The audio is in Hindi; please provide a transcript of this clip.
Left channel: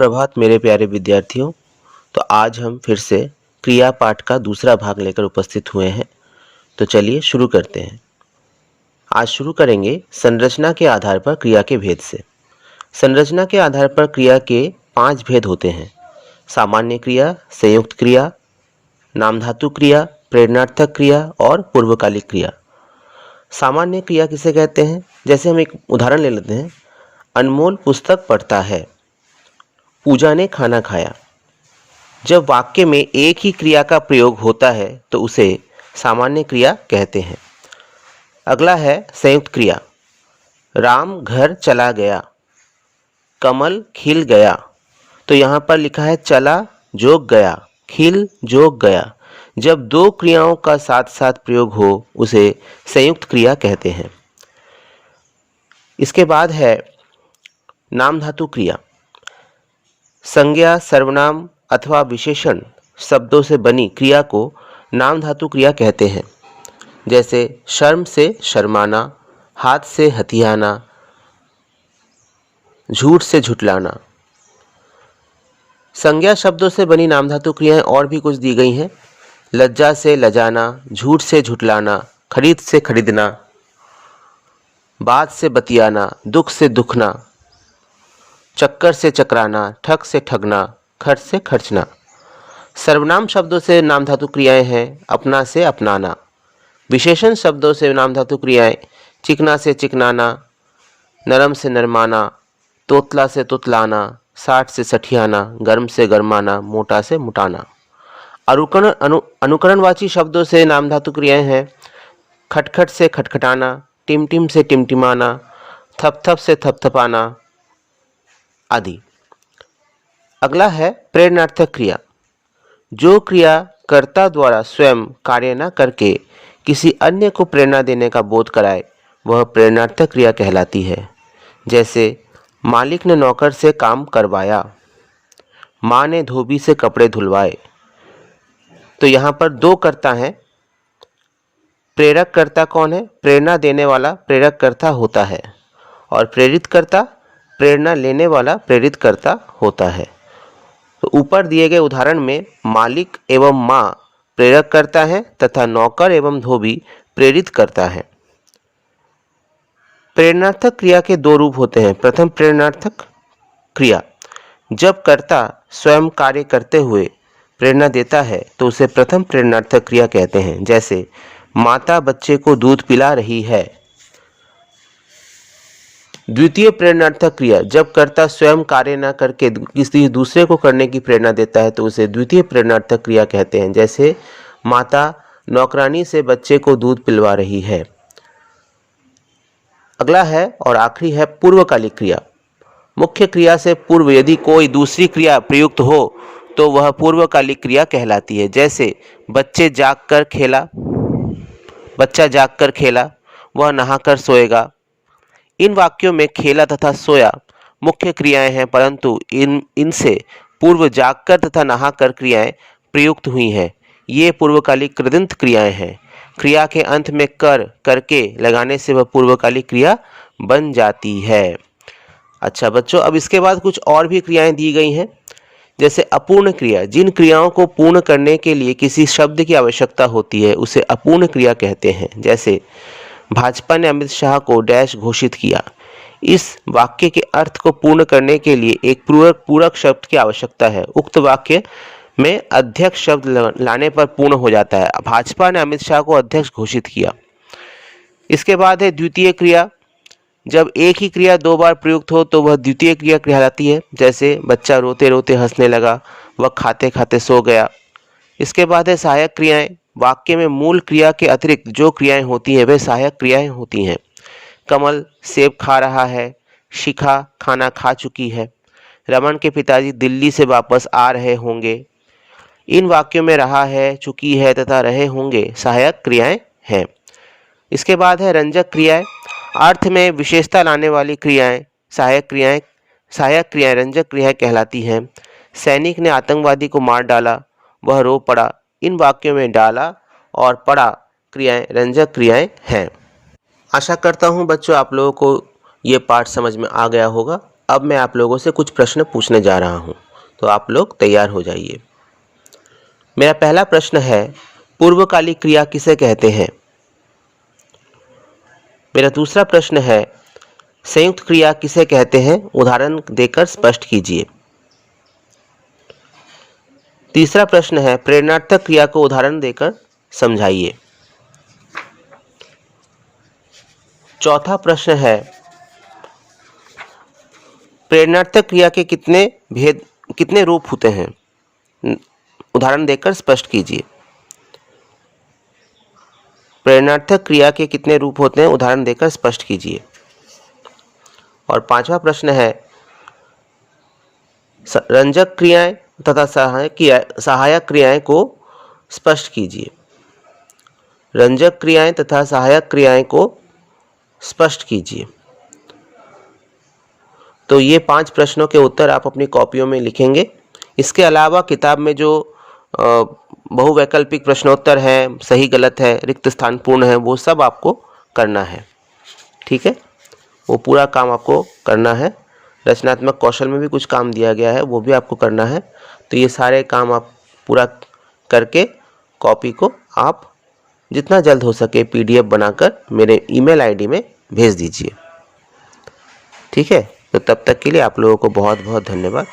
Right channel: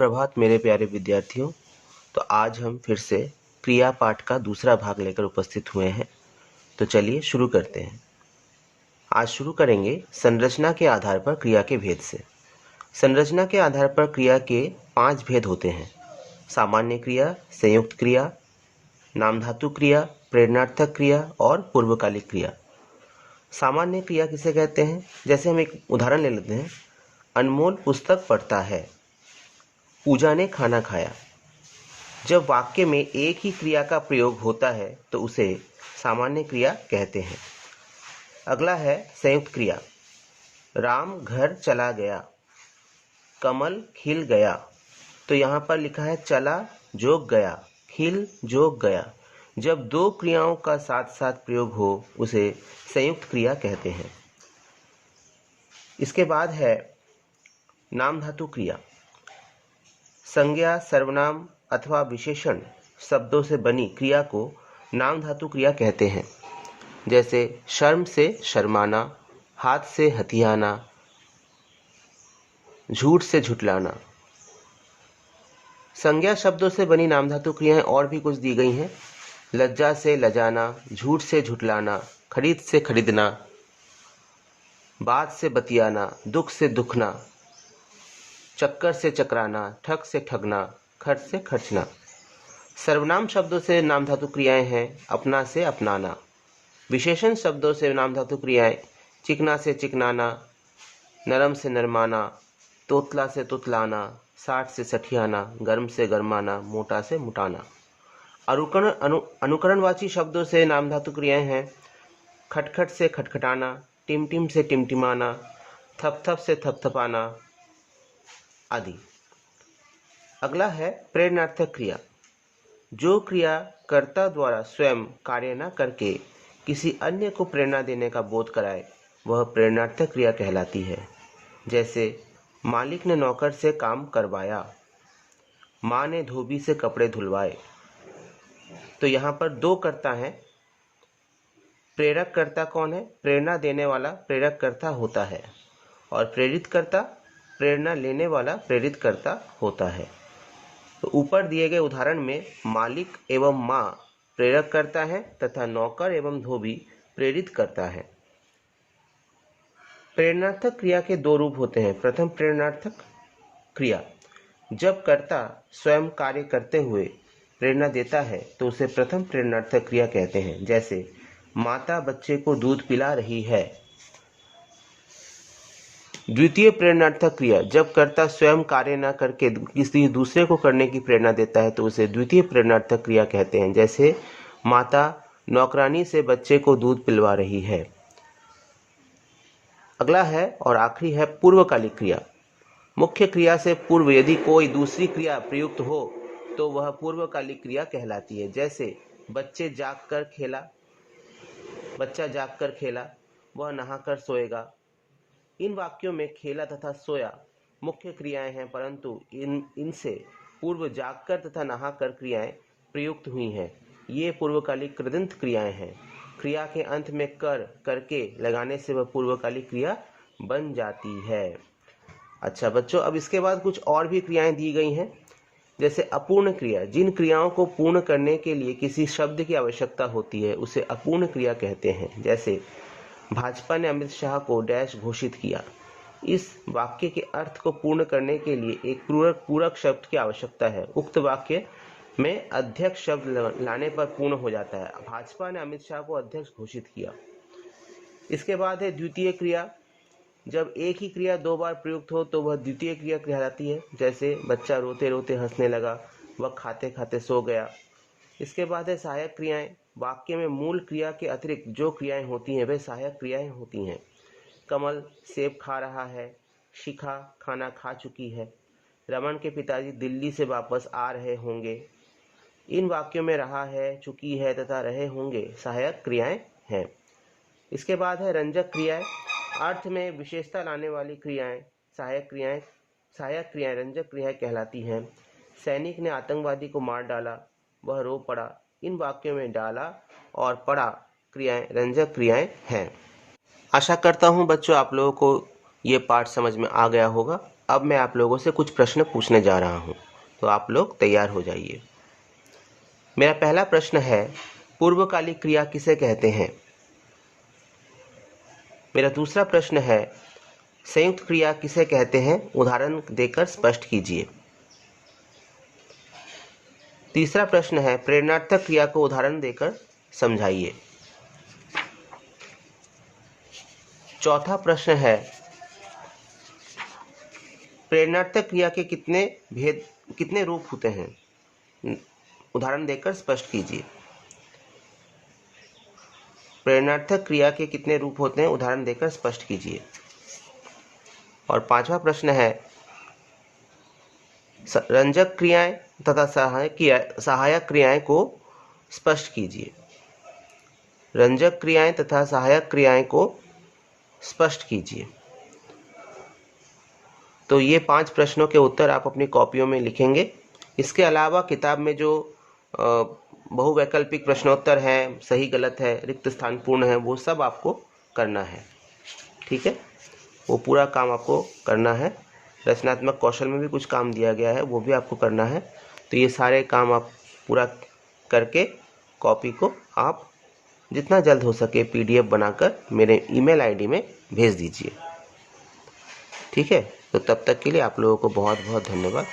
सुप्रभात मेरे प्यारे विद्यार्थियों। तो आज हम फिर से क्रिया पाठ का दूसरा भाग लेकर उपस्थित हुए हैं। तो चलिए शुरू करते हैं। आज शुरू करेंगे संरचना के आधार पर क्रिया के भेद से। संरचना के आधार पर क्रिया के 5 भेद होते हैं। सामान्य क्रिया, संयुक्त क्रिया, नामधातु क्रिया, प्रेरणार्थक क्रिया और पूर्वकालिक क्रिया। सामान्य क्रिया किसे कहते हैं? जैसे हम एक उदाहरण ले लेते हैं। अनमोल पुस्तक पढ़ता है, पूजा ने खाना खाया। जब वाक्य में एक ही क्रिया का प्रयोग होता है तो उसे सामान्य क्रिया कहते हैं। अगला है संयुक्त क्रिया। राम घर चला गया, कमल खिल गया। तो यहाँ पर लिखा है चला जोग गया, खिल जोग गया। जब दो क्रियाओं का साथ साथ प्रयोग हो उसे संयुक्त क्रिया कहते हैं। इसके बाद है नाम धातु क्रिया। संज्ञा, सर्वनाम अथवा विशेषण शब्दों से बनी क्रिया को नाम धातु क्रिया कहते हैं। जैसे शर्म से शर्माना, हाथ से हथियाना, झूठ से झुठलाना। संज्ञा शब्दों से बनी नाम धातु क्रियाएं और भी कुछ दी गई हैं। लज्जा से लजाना, झूठ से झुठलाना, खरीद से खरीदना, बात से बतियाना, दुख से दुखना, चक्कर से चकराना, ठग से ठगना, खर्च से खर्चना। सर्वनाम शब्दों से नाम धातु क्रियाएं हैं अपना से अपनाना। विशेषण शब्दों से नाम धातु क्रियाएं चिकना से चिकनाना, नरम से नरमाना, तोतला से तुतलाना, साठ से सठियाना, गर्म से गर्माना, मोटा से मुटाना। अनुकरणवाची शब्दों से नाम धातु क्रियाएं हैं खटखट से खटखटाना, टिमटिम से टिमटिमाना, थपथप से थपथपाना आदि। अगला है प्रेरणार्थक क्रिया। जो क्रिया कर्ता द्वारा स्वयं कार्य न करके किसी अन्य को प्रेरणा देने का बोध कराए वह प्रेरणार्थक क्रिया कहलाती है। जैसे मालिक ने नौकर से काम करवाया, माँ ने धोबी से कपड़े धुलवाए। तो यहाँ पर दो कर्ता हैं। प्रेरक कर्ता कौन है? प्रेरणा देने वाला प्रेरक कर्ता होता है और प्रेरित कर्ता प्रेरणा लेने वाला प्रेरित कर्ता होता है। तो ऊपर दिए गए उदाहरण में मालिक एवं माँ प्रेरक करता है तथा नौकर एवं धोबी प्रेरित करता है। प्रेरणार्थक क्रिया के दो रूप होते हैं। प्रथम प्रेरणार्थक क्रिया। जब कर्ता स्वयं कार्य करते हुए प्रेरणा देता है तो उसे प्रथम प्रेरणार्थक क्रिया कहते हैं। जैसे माता बच्चे को दूध पिला रही है। द्वितीय प्रेरणार्थक क्रिया। जब कर्ता स्वयं कार्य न करके किसी दूसरे को करने की प्रेरणा देता है तो उसे द्वितीय प्रेरणार्थक क्रिया कहते हैं। जैसे माता नौकरानी से बच्चे को दूध पिलवा रही है। अगला है और आखिरी है पूर्वकालिक क्रिया। मुख्य क्रिया से पूर्व यदि कोई दूसरी क्रिया प्रयुक्त हो तो वह पूर्वकालिक क्रिया कहलाती है। जैसे बच्चा जागकर खेला, वह नहाकर सोएगा। इन वाक्यों में खेला तथा सोया मुख्य क्रियाएं हैं, परंतु इनसे पूर्व जागकर तथा नहाकर क्रियाएं प्रयुक्त हुई हैं। ये पूर्वकालिक कृदंत क्रियाएं हैं। क्रिया के अंत में करके लगाने से वह पूर्वकालिक क्रिया बन जाती है। अच्छा बच्चों, अब इसके बाद कुछ और भी क्रियाएं दी गई हैं। जैसे अपूर्ण क्रिया। जिन क्रियाओं को पूर्ण करने के लिए किसी शब्द की आवश्यकता होती है उसे अपूर्ण क्रिया कहते हैं। जैसे भाजपा ने अमित शाह को डैश घोषित किया। इस वाक्य के अर्थ को पूर्ण करने के लिए एक पूरक शब्द की आवश्यकता है। उक्त वाक्य में अध्यक्ष शब्द लाने पर पूर्ण हो जाता है। भाजपा ने अमित शाह को अध्यक्ष घोषित किया। इसके बाद है द्वितीय क्रिया। जब एक ही क्रिया दो बार प्रयुक्त हो तो वह द्वितीय क्रिया कहलाती है। जैसे बच्चा रोते रोते हंसने लगा, वह खाते खाते सो गया। इसके बाद है सहायक क्रियाएं। वाक्य में मूल क्रिया के अतिरिक्त जो क्रियाएं होती हैं वे सहायक क्रियाएं होती हैं। कमल सेब खा रहा है, शिखा खाना खा चुकी है, रमन के पिताजी दिल्ली से वापस आ रहे होंगे। इन वाक्यों में रहा है, चुकी है तथा रहे होंगे सहायक क्रियाएं हैं। इसके बाद है रंजक क्रियाएं। अर्थ में विशेषता लाने वाली क्रियाएं सहायक क्रियाएं रंजक क्रियाएं कहलाती हैं। सैनिक ने आतंकवादी को मार डाला, वह रो पड़ा। इन वाक्यों में डाला और पड़ा क्रियाएं रंजक क्रियाएं हैं। आशा करता हूं बच्चों आप लोगों को ये पाठ समझ में आ गया होगा। अब मैं आप लोगों से कुछ प्रश्न पूछने जा रहा हूँ, तो आप लोग तैयार हो जाइए। मेरा पहला प्रश्न है, पूर्वकालिक क्रिया किसे कहते हैं? मेरा दूसरा प्रश्न है, संयुक्त क्रिया किसे कहते हैं? उदाहरण देकर स्पष्ट कीजिए। तीसरा प्रश्न है, प्रेरणार्थक क्रिया को उदाहरण देकर समझाइए। चौथा प्रश्न है, प्रेरणार्थक क्रिया के कितने रूप होते हैं? उदाहरण देकर स्पष्ट कीजिए। प्रेरणार्थक क्रिया के कितने रूप होते हैं? उदाहरण देकर स्पष्ट कीजिए। और पांचवा प्रश्न है, रंजक क्रियाएं तथा सहायक क्रियाएं को स्पष्ट कीजिए। रंजक क्रियाएं तथा सहायक क्रियाएं को स्पष्ट कीजिए। तो ये 5 प्रश्नों के उत्तर आप अपनी कॉपियों में लिखेंगे। इसके अलावा किताब में जो बहुवैकल्पिक प्रश्नोत्तर हैं, सही गलत है, रिक्त स्थान पूर्ण है, वो सब आपको करना है। ठीक है, वो पूरा काम आपको करना है। रचनात्मक कौशल में भी कुछ काम दिया गया है, वो भी आपको करना है। तो ये सारे काम आप पूरा करके कॉपी को आप जितना जल्द हो सके PDF बनाकर मेरे ईमेल ID में भेज दीजिए। ठीक है, तो तब तक के लिए आप लोगों को बहुत बहुत धन्यवाद।